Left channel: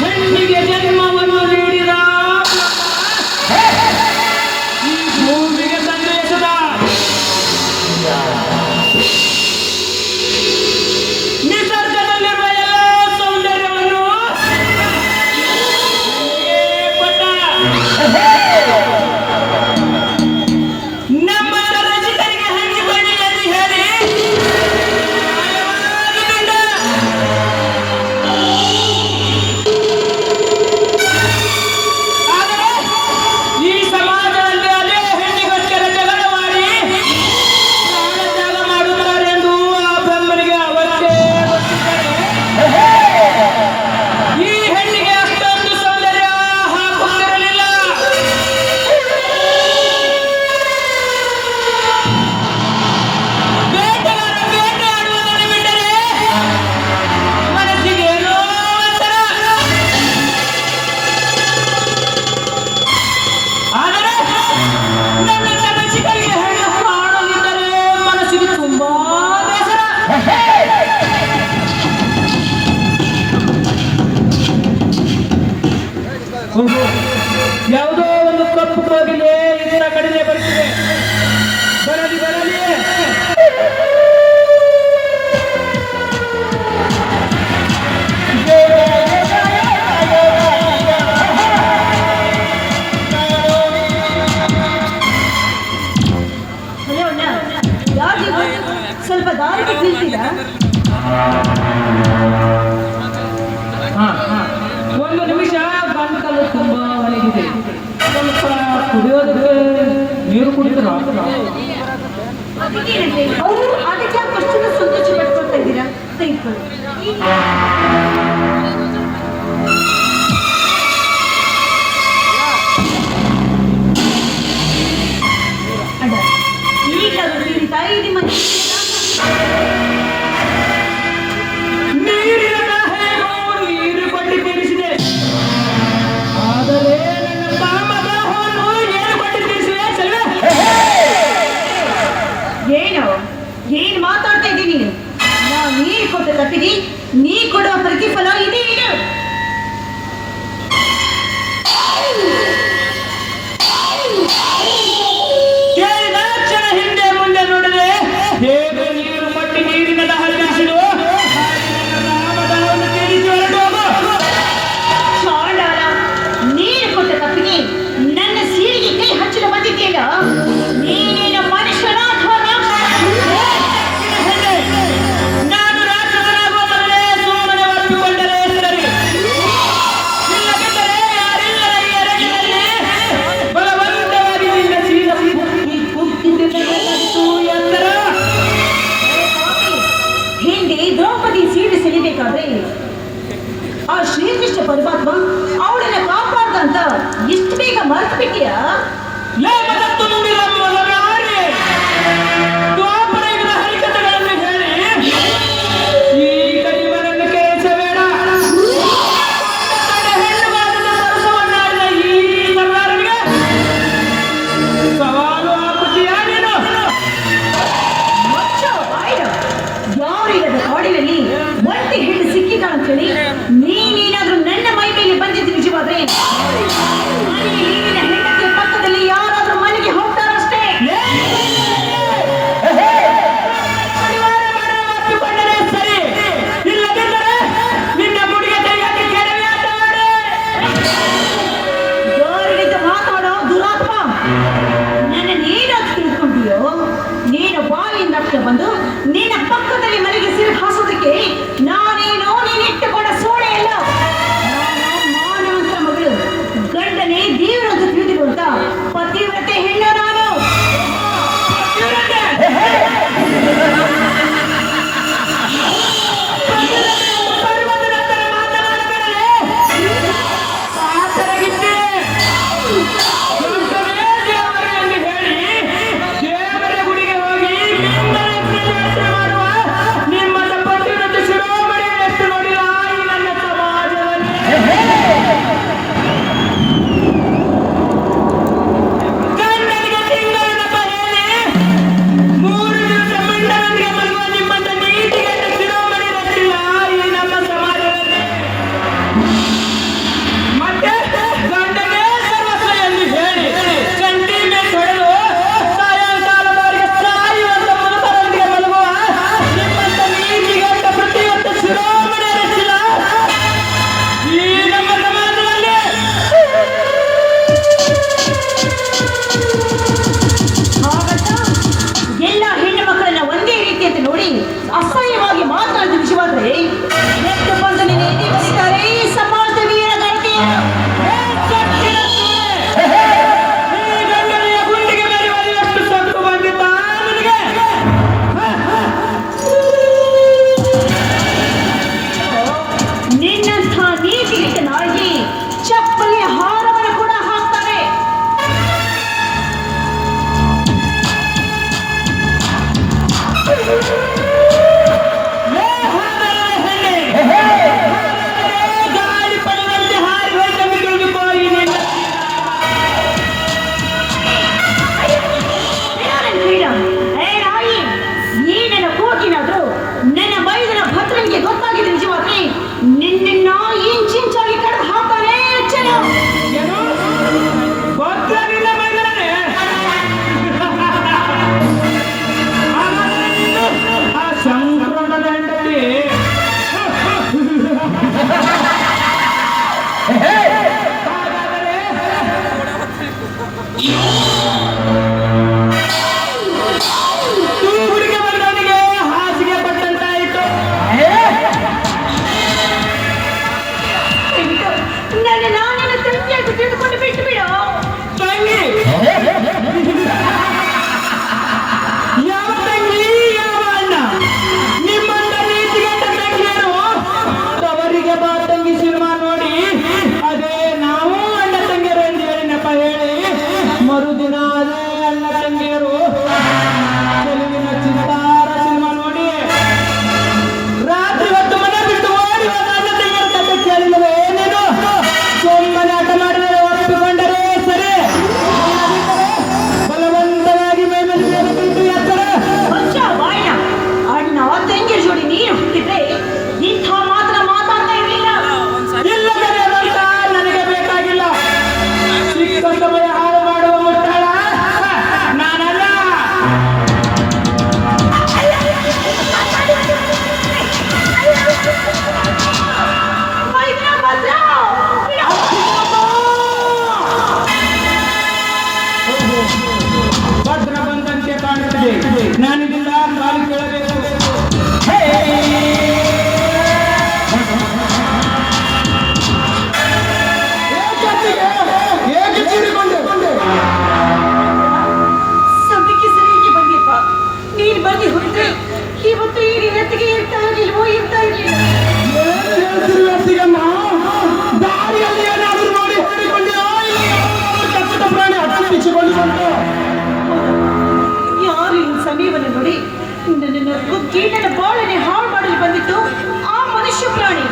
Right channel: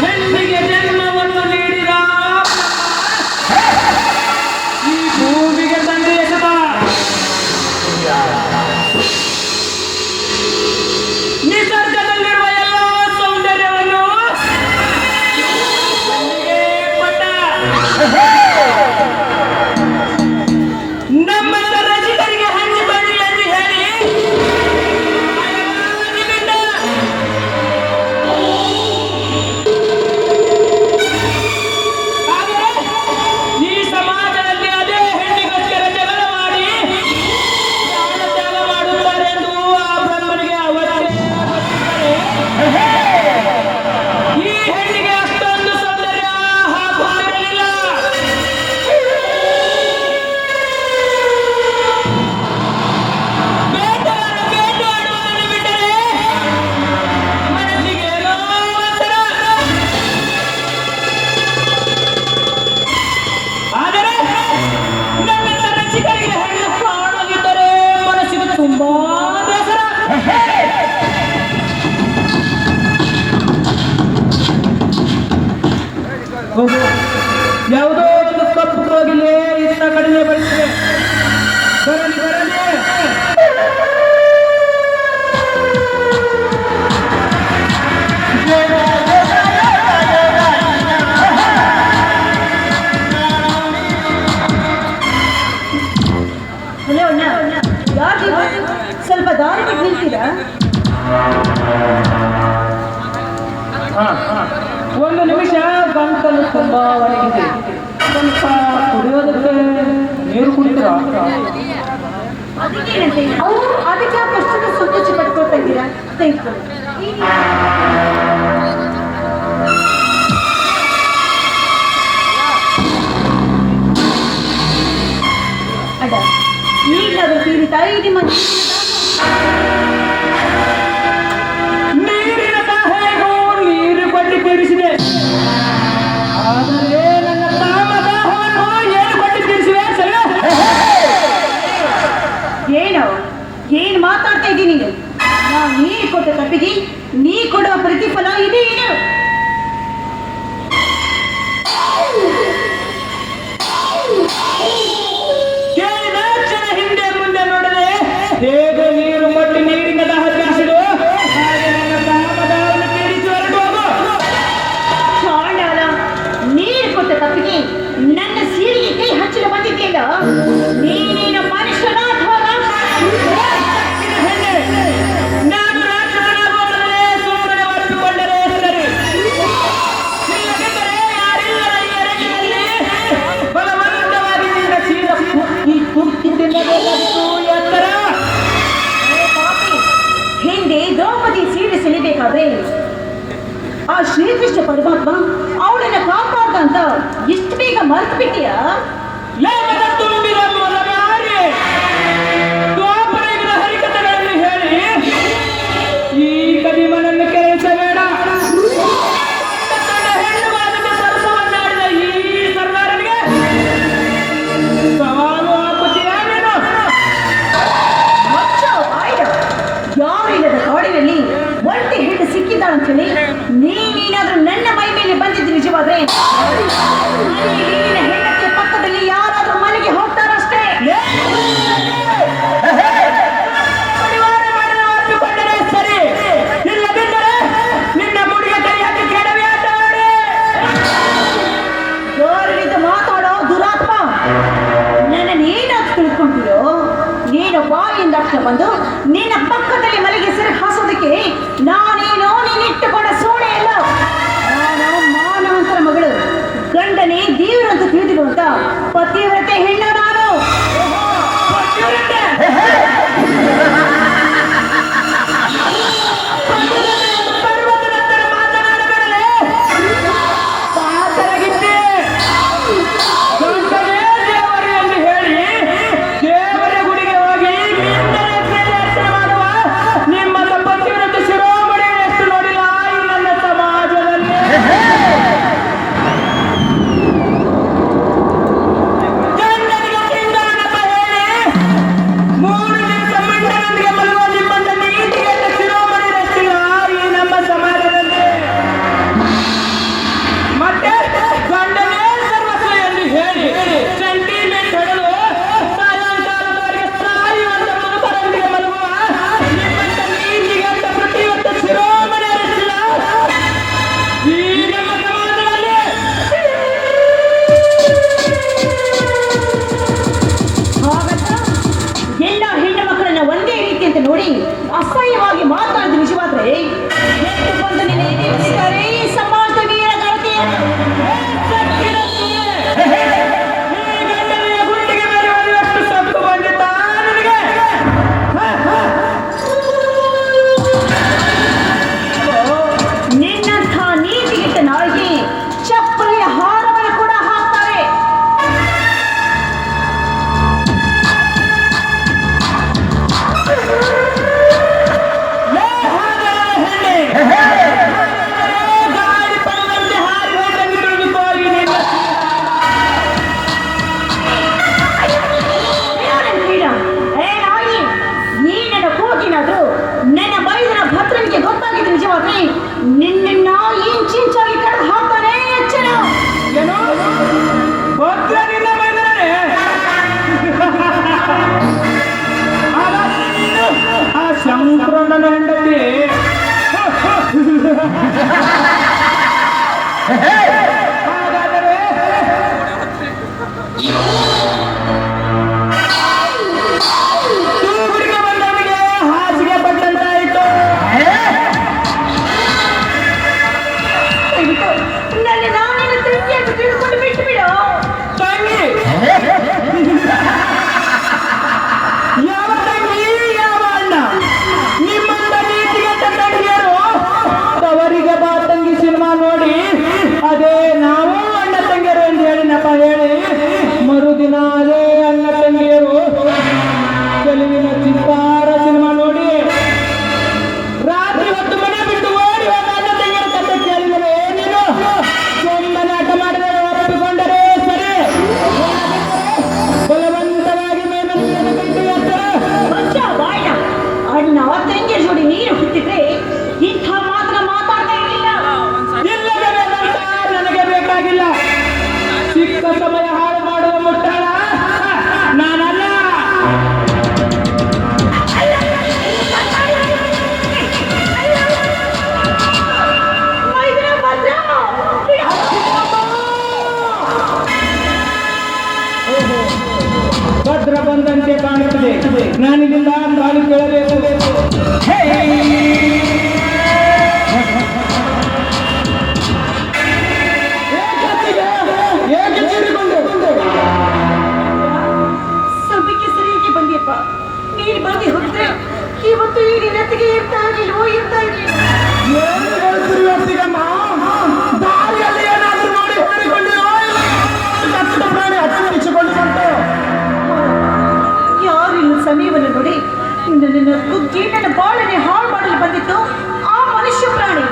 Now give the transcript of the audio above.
ಹೆಣ್ಣಿಗೆ ಜನ್ಮವನ್ನು ನೀಡಿದ ಈ ಭೂಮಿಗೆ ಸಂದೇಶದ ನಿಸರ್ಗದಲ್ಲಿರುವ ಎಲ್ಲ ಸೌಂದರ್ಯವನ್ನು ಪಟ್ಟ ನಮ್ಮ ರಚಿತರಿಗೆ ಹಂಚಿಕೊಳ್ಳಿ ಎಂದು ಹೇಳಿ ಈ ಸಮಾಜದಲ್ಲಿ ಅದೇ ಹೆಣ್ಣಿಗೋಸ್ಕರ ಜಗಳ ಮಾಡಿ ತ್ಯಾಗ ಮಾಡುತ್ತಾರೆ ಎಂದು ಆ ಬೆಂಬಲಿಗೆ ಅವತ್ತೇ ಈ ಹೆಣ್ಣಿಗೆ ಅಷ್ಟೊಂದು ಸೌಂದರ್ಯ ಹಾಕುತ್ತಿರಲಿಲ್ಲ. ಬೇಟೆಯಾಡುವುದನ್ನು ಬಿಟ್ಟರೆ ಮನಸ್ಸಿಗೆ ಏನೋ ಒಂಥರ. ಆದರೆ ನನ್ನ ರಸಿಕರಿಗೆ ಹೆಣ್ಣು ಕಾಣಲಿದ್ದರೆ ಮನಸ್ಸಿಗೆ ತುಂಬಾ ಬೇಸರ. ಯಾವುದೋ ಒಂದು ಕಪ್ಪು ಕೋಗಿಲೆ ಇದರ ಕಡೆಗೆ ಬರುತ್ತಿದೆ. ಬರಲಿ ಬರಲಿ. ಸ್ವಲ್ಪ ದಾರಿಗೆ ನಿಲ್ತೀರಾ? ಒಂದು ನಿಮಿಷ ಗಂಟಲು ತುಂಬಾ ಒಣಗಿದೆ. ಸ್ವಲ್ಪ ಕುಡಿಯೋದಕ್ಕೆ ನೀರು ಕುಡಿತೀರಾ? ಅವರು ಅದಕ್ಕೆ ಅಷ್ಟು ಸಂತೋಷ ಕಟ್ಕೊಳ್ತಾ ಇದ್ದೀರಾ? ತೆಗೆದುಕೊಳ್ಳಿ. ಅಡ್ಡ ಈಗಲಾದರೂ ತಿಳಿತಾ ಇದೆ ಮನೆ ನೀರಿನ ದಾಹವೇನೋ ನೀರು ಪಟ್ಟಿ ತೀರಿಸಿದೆ. ಆದರೆ ನನ್ನ ಕಾಮದಾಹವನ್ನು ಏನು ಪಟ್ಟಿ ತೀರಿಸಿವೆ ಸರಿವೆ? ಏನು ಮಾತಾಡ್ತಾ ಇದ್ದೀನಿ ನೀನು? ನಾವು ನೀರು ಕೊಟ್ಟ ತಪ್ಪಿಗೆ ನೀ ಕೊಡುವ ಪ್ರತಿಫಲ ಇದೇನು? ಕೇಳಿದ ಕ್ಷಣ ಹಿಂದೆ ಮುಂದೆ ನೋಡದೆ ಹೇಗೆ ನೀರು ಮಟ್ಟಿ ನೀರಿನ ದಾಹ ತೀರಿಸಿದೋ ಹಾಗೆ ನನ್ನ ಕಾಮದಾಹವನ್ನು ತೀರಿಸಿ ಹೊರಟು ಹೋಗು. ಚಾಳಾಳ, ನೀರು ಕೊಟ್ಟ ತಪ್ಪಿಗೆ ನನ್ನ ಸೀರೆಗೆ ಕೈ ಹಚ್ಚಲು ಬಂದಿದ್ದೀಯ? ನೀನು ಮನುಷ್ಯನ ಅಥವಾ ನಾನು ರಾಕ್ಷಸನಾಗುವ ಮೊದಲೇ ಸುಮ್ಮನೆ ಒಪ್ಪಿಕೊಂಡರೆ ಸರಿ. ಹತ್ತಿರ ಬಂದು ನಿನ್ನ ಪಕ್ಕದಲ್ಲಿ ಮನೆಗೆ ಸಿರು ಹಾಸೋದಕ್ಕೆ ನಾನೇನೋ ನೀನಿಟ್ಟುಕೊಂಡ ಸೋಣೆ ಅಲ್ಲ. ನಾನು ಮಾನವಂತರ ಮಗಳು, ಗಂಡನೇ ದೇವರು ಅಂತ ತಿಳಿದಿರುವಂತ ಪತಿವ್ರತೆ ಹೆಣ್ಣು ನಾನು. ಭದ್ರ ಬಂದಂತೆ ಕಾಣುತ್ತದೆ. ನನಗಿಲ್ಲ ಕಾಲು ಕೇಳಬೇಕು. ಸದ್ಯಕ್ಕೆ ಸರಿಯಾಗಿ ಬಂದಿಪ್ಪ. ನೀನು ಬಂದು ಹೋದ್ರೆ ಇವತ್ತು ಈ ನಿನ್ನತ್ತಿಗೆ ಇರ್ತಾ ಇರ್ಲಿಲ್ವೋ ಇರ್ತಾ ಇರ್ಲಿಲ್ಲ. ಸಮೀಪನ ನೋಡಿ ನನ್ನ ಗೀಟನ ಬಾಳನೆ ಹಾಳು ಮಾಡಲು ಬಂದಿತ್ತು ಆ ಮನುಷ್ಯ ಪ್ರಾಣಿ.